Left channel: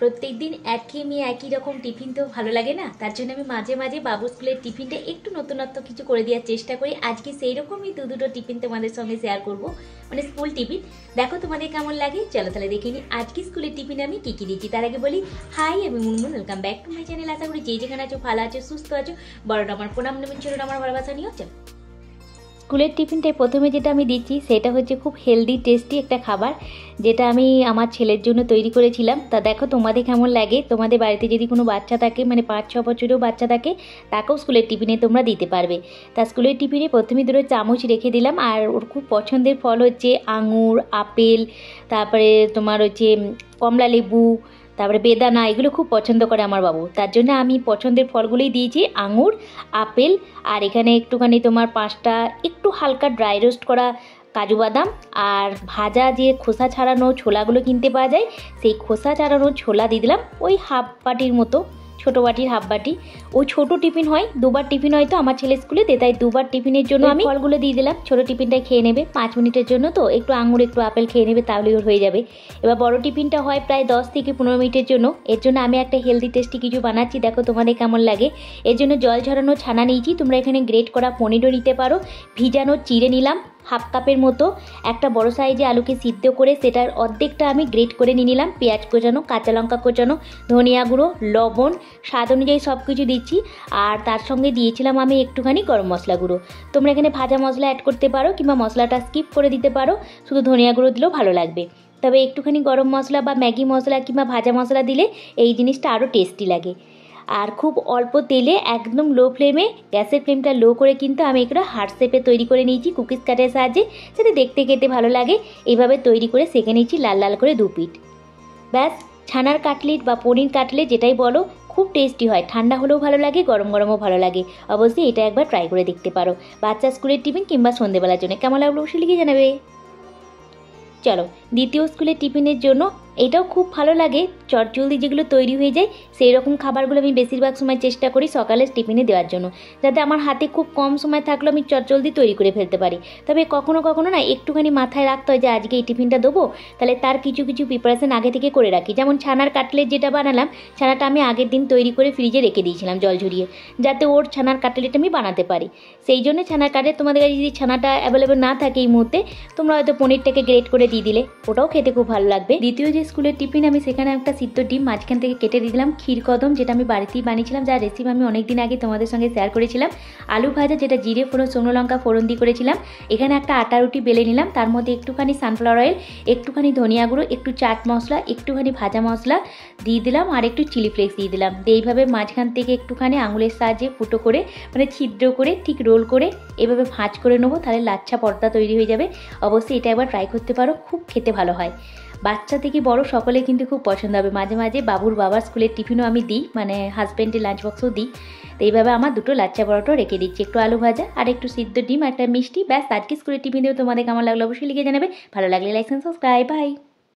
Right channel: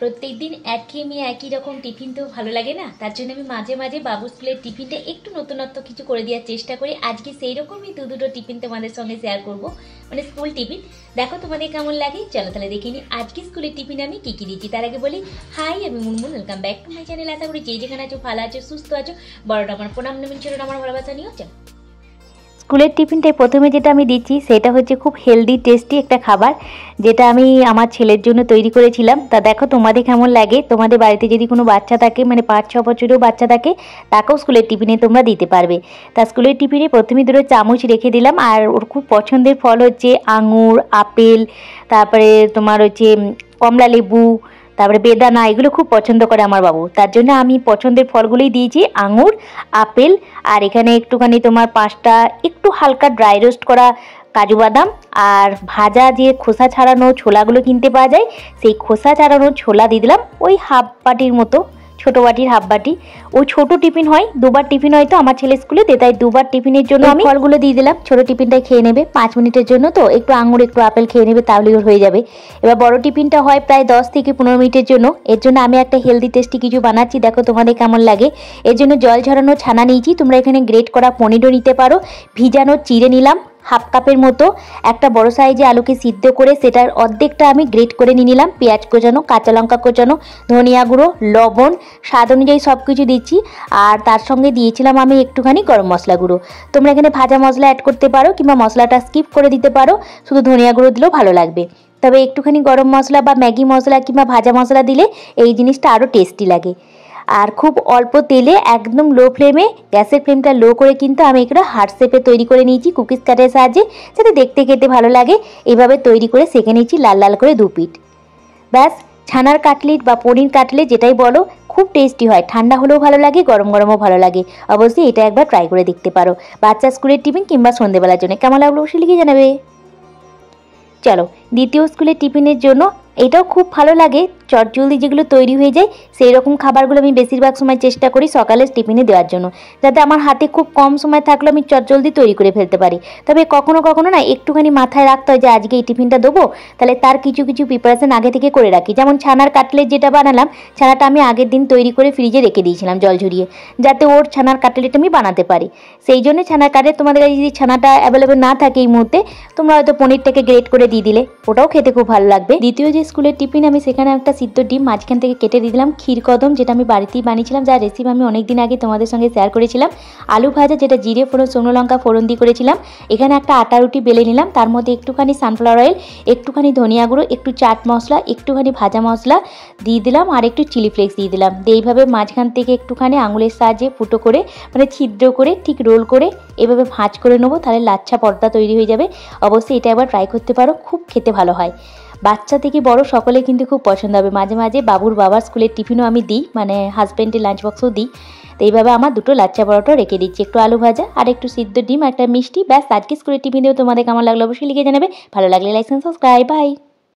প্রত্যেকদিন একঘেয়েমি একই রকম টিফিন তো ভালো লাগে না, তার জন্য আমি মাঝে মাঝে বাবু স্কুলের টিফিনটা একটু নতুনত্ব কিছু করে দেওয়ার চেষ্টা করি। আজকে সেই রকমই দুটো টিফিন তোমাদের সঙ্গে শেয়ার করব, মানে স্কুল টিফিন। দেখো তোমাদের কেমন লাগে, চলো তাহলে দেখে নিই আজকে স্কুলের টিফিনে আমি কী কী দিচ্ছি। তার আগে বলি হাই, আমি Munmun, welcome back to my channel. আশা করি যেখানে আছো ভালো আছো, সুস্থ আছো। বড়টা আমার প্রণাম নেবেন, ছোটটা আমার ভালোবাসা নিয়েও। চলো স্কুলের টিফিনটায় প্রথমে যেটা আমি দিচ্ছি সেটা হচ্ছে খুব হেলদি টেস্টি একটা খাবার, যেটা আমি আমার ছেলের জন্য তৈরি করেছিলাম। তা দেখো তোমাদের কেমন লাগে। তোমাদের বাড়িতে যদি কোনো বাচ্চা থাকে, মানে 5-6 বছরেও বাচ্চা থাকে, তাকেও স্কুলের টিফিনে তোমরা দিতে পারবে। তা স্কুলের টিফিনে প্রথমে 2 চামচ রেখে দিলাম। আর ওর খুব পছন্দের ফল হচ্ছে আঙুর, আপেল, তারপরে তোমার হচ্ছে কমলা লেবু, তারপরে বেদানা, এগুলো খুব পছন্দ করে আমার বাবু। তার জন্য আমি পছন্দের ফলগুলোই দিয়েছি, আঙুর, আপেল, আর এখানে একটুখানি তোমার 5টা একটু হালকা ড্রাই রোস্ট করা কাজু বাদাম, আর ভাজা যে খোসা ছাড়ানো ছোলাগুলো কিনতে পাওয়া যায়, সেই খোসা ছাড়ানো ছোলা দিয়ে দিলাম, ওই হাফ বাটির মতো, ছোটো বাটির হাফ বাটি। ওই ছোটো টিফিন হয়, 2বার টিফিন হয়তো আমার ছেলে স্কুলে, তাই 2বার টিফিনের জন্য আমি ফলগুলো দিয়ে দিলাম। ছোটো টিফিনটাই খেয়ে নেবে, 5 মিনিটের জন্য, তো একটু আঙুর একটু আপেল খেয়ে নেবে, তাহলেই ওর হয়ে যাবে। এবার বড় টিফিনটা হয় প্রায় 10 থেকে 15 মিনিটের জন্য। এর জন্য আমি একটা হেলদি টেস্টি কিছু বানাচ্ছি, দেখো তোমাদের কেমন লাগে। এর জন্য জল ঝরানো ছানা নিয়েছি, তোমরা এখানে গ্রেট করা পনিরও নিতে পারো। ভিজানো চিড়ে নিলাম হাফ কাপের মতো। একটা বড় সাইজে আলুকে সিদ্ধ করে সেটার অর্ধেকটা আমি গ্রেট করে নিয়ে নিলাম। পেঁয়াজ কোচানো, কাঁচা লঙ্কা কোচানো, ধনিয়া গুঁড়ো, লবণ, স্বাদ অনুযায়ী সব কিছু দিচ্ছি। আর তার সঙ্গে দিয়েছিলাম আমি একটুখানি গরম মশলা গুঁড়ো। তোমরা এখানে ভাজা মশলা অ্যাড করতে পারো, কিংবা মশলাটা স্কিপ করে দিতে পারো, শুধু ধনিয়া গুঁড়ো দিলেও ভালো লাগবে। তবে একটুখানি গরম মশলা বা ম্যাগি মশলা কিংবা ভাজা মশলা দিলে এই জিনিসটা আরও টেস্টি লাগে। আর খুব অল্প তেলে একদম লো ফ্লেমে, গ্যাসের ফ্লেমটা লো করে কিন্তু আমি এগুলো হার্ট শেপে তৈরি করে নিয়েছি কুকিজ কাটের সাহায্যে, যাতে দেখতে খেতে ভালো লাগে। এইভাবে তৈরি করে সেঁকে নিয়েছি লাল লাল করে 2 পিঠ। ব্যাস, ছানার কাটলেট বা পনির কাটলেট যেটাই বলো, খুব টেস্টি হয়। ঠান্ডা হলেও ভালো লাগে, গরম গরমও ভালো লাগে। অবশ্যই এটা একবার ট্রাই করে দেখতে পারো, বাচ্চা স্কুলের টিফিন কিংবা সন্ধ্যেবেলার জন্য। কেমন লাগলো অবশ্যই লিখে জানাবে। চলো দ্বিতীয় স্কুলের টিফিনের জন্য এটাও খুব ভালো লাগে, চটজলদি যেগুলো তৈরি হয়ে যায় সেই রকম খাবারগুলো আমি বেশিরভাগ সময় চেষ্টা করি সকালে টিফিনে দেওয়ার জন্য, যাতে আমার হাতে খুব কম সময় থাকলে আমি চটজলদি তৈরি করে ফেলতে পারি। তবে কখনো কখনো না একটুখানি মাথায় রাখতে হয় যে আজকে এই টিফিনটা দেবো, তাহলে তার কিছু কিছু প্রিপারেশন আগে থেকে করে রাখি। যেমন ছানার কাটলেট যেটা বানালাম, ছানাটা আমি আগের দিন তৈরি করে ফ্রিজে রেখে দিয়েছিলাম জল ঝরিয়ে, যাতে ওর ছানার কাটলেট আমি বানাতে পারি। সেই জন্য ছানার কাটলেট, তোমাদের কাছে যদি ছানাটা অ্যাভেলেবেল না থাকে এই মুহূর্তে, তোমরা হয়তো পনিরটাকে গ্রেট করে দিয়ে দিলে, ওটাও খেতে খুব ভালো লাগবে। দ্বিতীয় যে স্কুলের টিফিন, আমি সেখানে একটা সিদ্ধ ডিম মাঝখান থেকে কেটে দিয়ে দিলাম, ক্ষীর কদম যেটা আমি বাড়িতেই বানিয়েছিলাম, যার রেসিপি আমি অনেকদিন আগে তোমাদের সঙ্গে শেয়ার করেছিলাম। আলু ভাজা যেটা জিরে ফোড়ন, শুকনো লঙ্কা ফোড়ন দিয়ে করেছিলাম। এখানে একটা আটা রুটি বেলে নিলাম, তার মধ্যে একটুখানি সানফ্লাওয়ার অয়েল, একটুখানি ধনিয়া গুঁড়ো, একটু চাট মশলা, একটুখানি ভাজা মশলা দিয়ে দিলাম, আর একটু চিলি ফ্লেক্স দিয়ে দিলাম। এইভাবে মাঝখান থেকে একটুখানি আঙুলের সাহায্যে ফুটো করে, মানে ছিদ্র করে ঠিক রোল করে এভাবে ভাঁজ করে নেবো, তাহলে লাচ্ছা পর্দা তৈরি হয়ে যাবে। অবশ্যই এটা একবার ট্রাই করতে পারো, খুব খেতে ভালো হয়। বাচ্চা থেকে বড় সকলে কিন্তু খুব পছন্দ হবে। মাঝে মাঝে বাবুর বাবার স্কুলের টিফিনও আমি দিই, মানে হাজব্যান্ডের লাঞ্চ বক্সও দিই। তো এইভাবে আমার 2 লাচ্ছা পরোটা রেখে দিচ্ছি, একটু আলু ভাজা আর একটু সিদ্ধ ডিম, একটা মিষ্টি। ব্যাস, আজকে স্কুলের টিফিন দিয়েও তোমাদের কেমন লাগলো অবশ্যই লিখে জানাবে। ভালো লাগলে লাইক এন্ড সাবস্ক্রাইব। বাই।